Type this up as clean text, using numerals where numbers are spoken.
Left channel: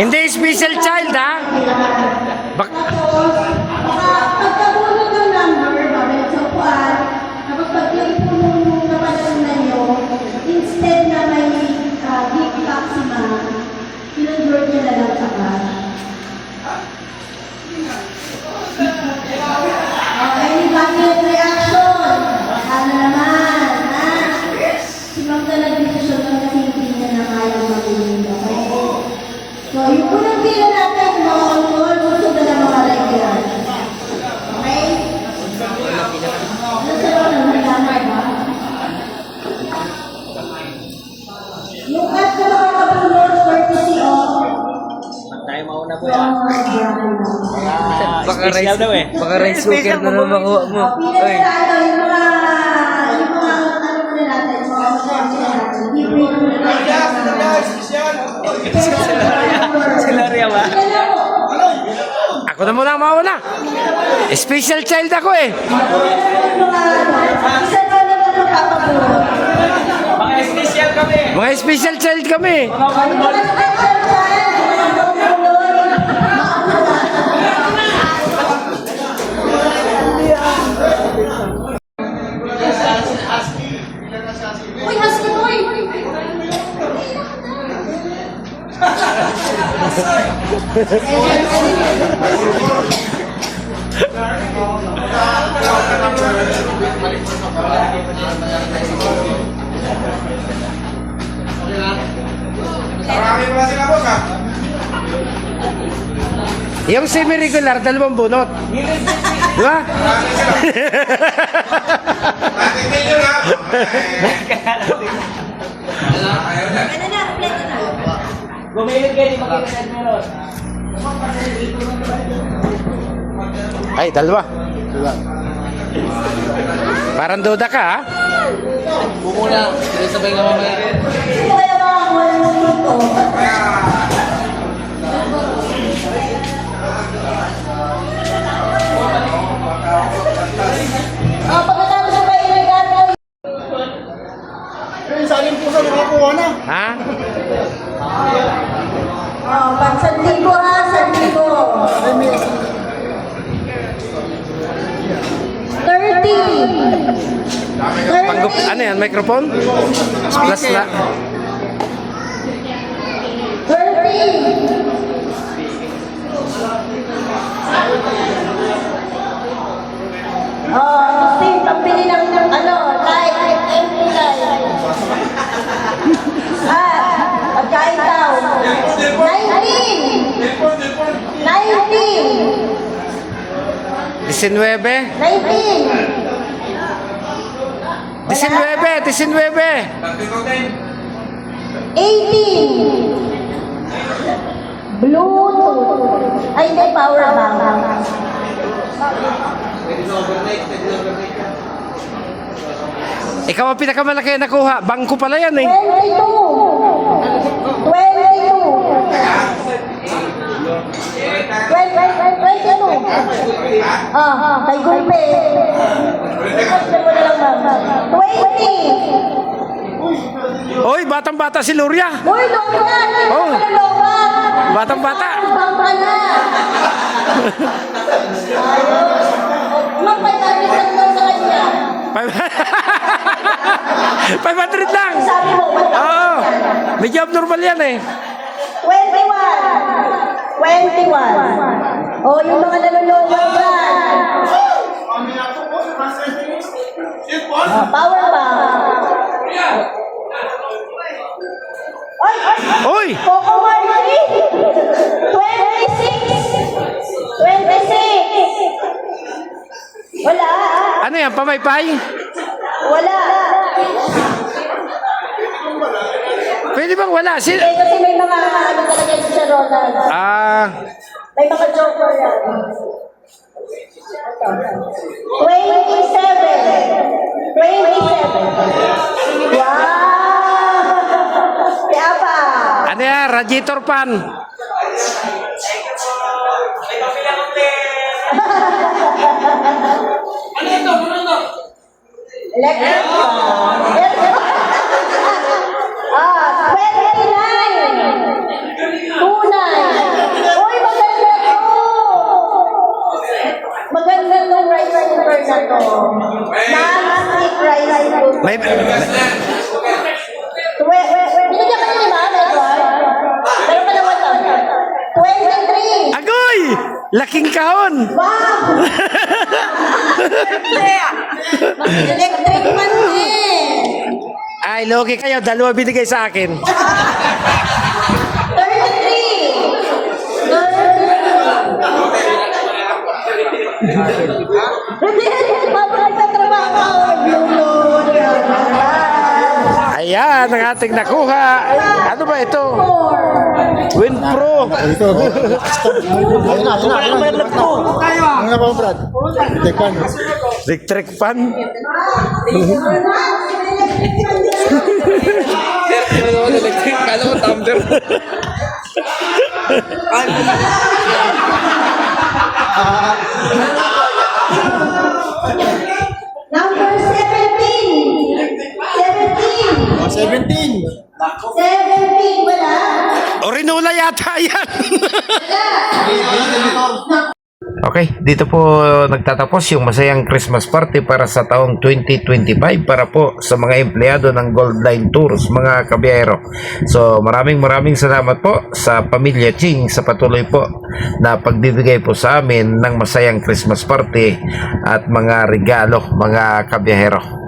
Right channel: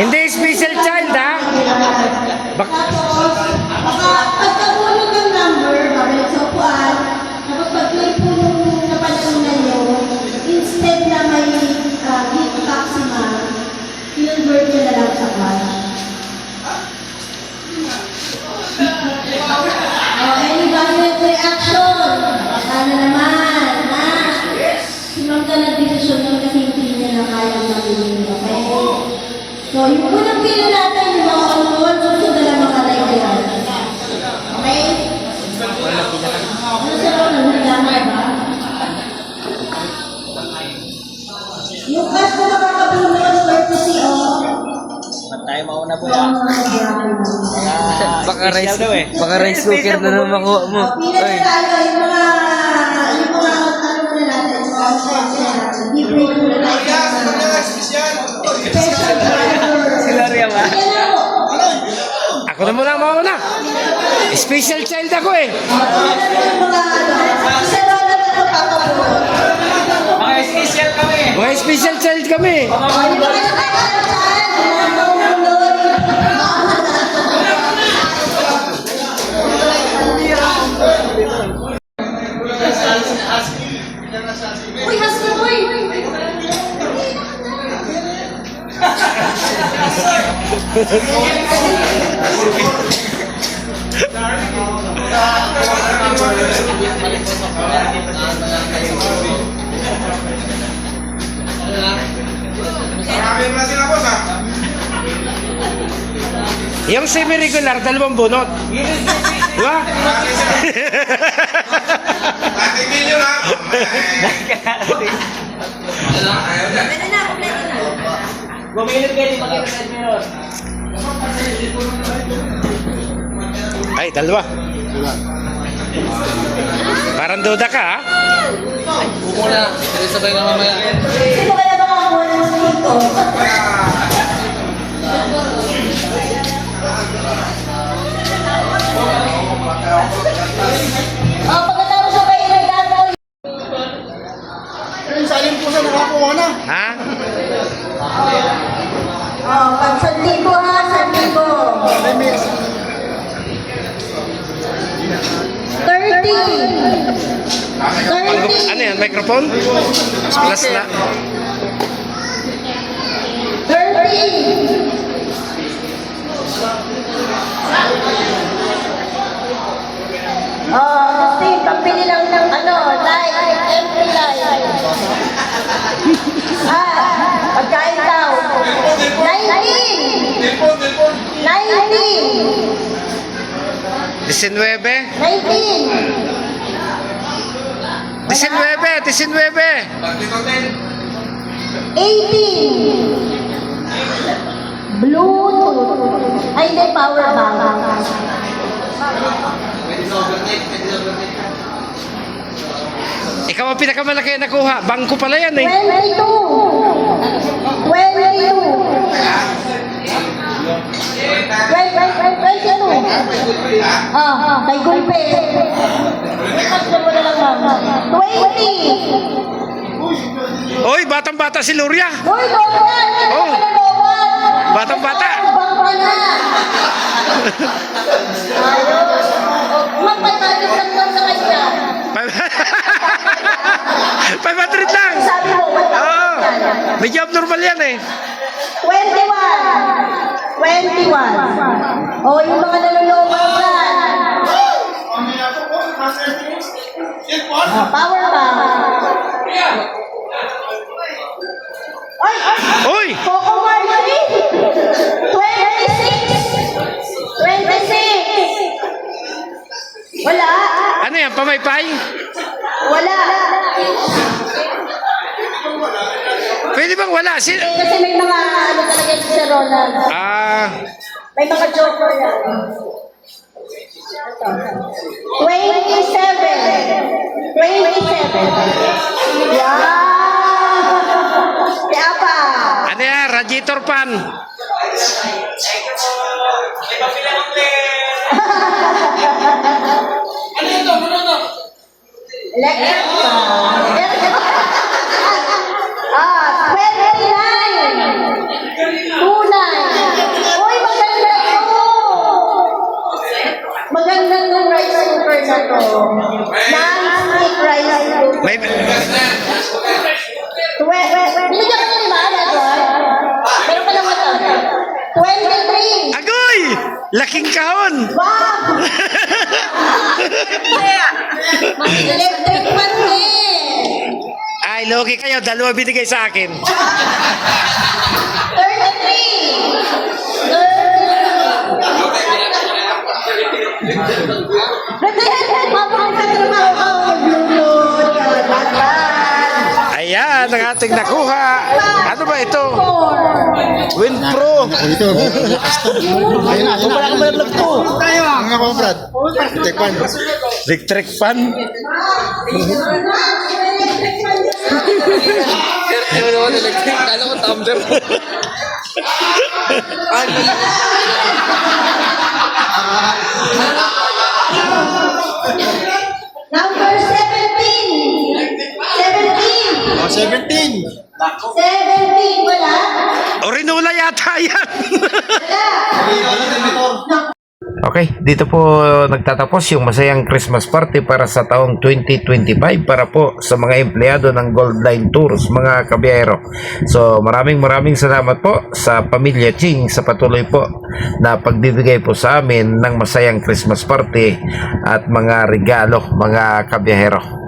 Hindi special child, ha? Tapos, pagkabulog ng number, babalik sa upuan, tapos pag yun po nung napanalunan nyo, instead na may gift maxima, kinonvert nyo na lang sa cash. Any violent reaction? Ano naman, ha? Sinong ka nag-desisyon ng kasi hindi niya na kaya mag-inig, okay? So, yung unang pila natin, yung mga on-call, susunod na lang mga regular. Okay? Ano sa mga nagdamay ba? Yung cash ko makakabulot, courtesy of... Tayo mauna po From yan. Special daw eh. Baka rice cooker na naman makuha mo. Pila na tayo, yung mga ano muna natin, yung mga sponsor natin. Libre ko na tayo. Special driver. Sila rin ba? Yan na po. Ako na muna mauna. Special child ako eh. Mga special kami. Mga special child kami. Yung semi-regular, 2 bunot. Diba? Bumilip kayo yung makikita meron. Ay, 2. Parang duda ka, ha? Muna, sabay ka mamaya. Pagkatapos sa bayan ng gano'n. Yung salin po sa nakakuha na. Ha? Pag 1,000 ha, 30. Ano yan, microphone? Plus na. 30. Steve, pambili lang ng light, empty light. Pagkain daw. 19. 19. 19. 18. Bluetooth. Ay, hindi, power bank. Ikaw ang pinakamalaki na nakuha. Bangko pala yan eh. 22. 22. 22. Kay Gulpe. Kasi mo na lang, ma'am. 20. Oy, batang-bata si Luria. Uy, Lola! Oh. Hindi ka Lola! Batang-bata. Bang ka na! Magpapalitan daw sa kanya. 500 lang. Sabi mo, Oo. Medyo abnormal yan eh. 21. 21. O, yung mga naluloko yan. Power bank. Oy! Coco Marley. 26. 26. Wala. Ano yan, pamaypay? Wala. Pwede bang wala? Kasi may mga talaga yung sa Ronald. May mga joker yan. 27. Wow! Kaya pa. Ano yan, radiator pan. May papila ng Electric. 29. 29. Laking kahon. Wow! Electric fan din. Ay, logi kayo. Dalawa binigay sa akin. 33. 33. Mapapagtrabaho ako. Blue. Ayan, ang ating nakuha. Ano ba ito? WinPro. Ito. Ayun na. Ano nga po, Brad? Tekpan. Electric fan. Electric, kala ko tumbler. Number 17. 17. 17. 17. Wala? Orinola yata yan. Wala. Okay, dito po nagtatapos yung masayang Christmas party para sa taong 2025 para po sa mga empleyado ng Gold Line Tours, mga kabiyahero. So maraming salamat po sa Pamilya Ching sa patuloy po na pagbibigay po sa amin ng masayang Christmas party at mga regalo, mga kabiyahero.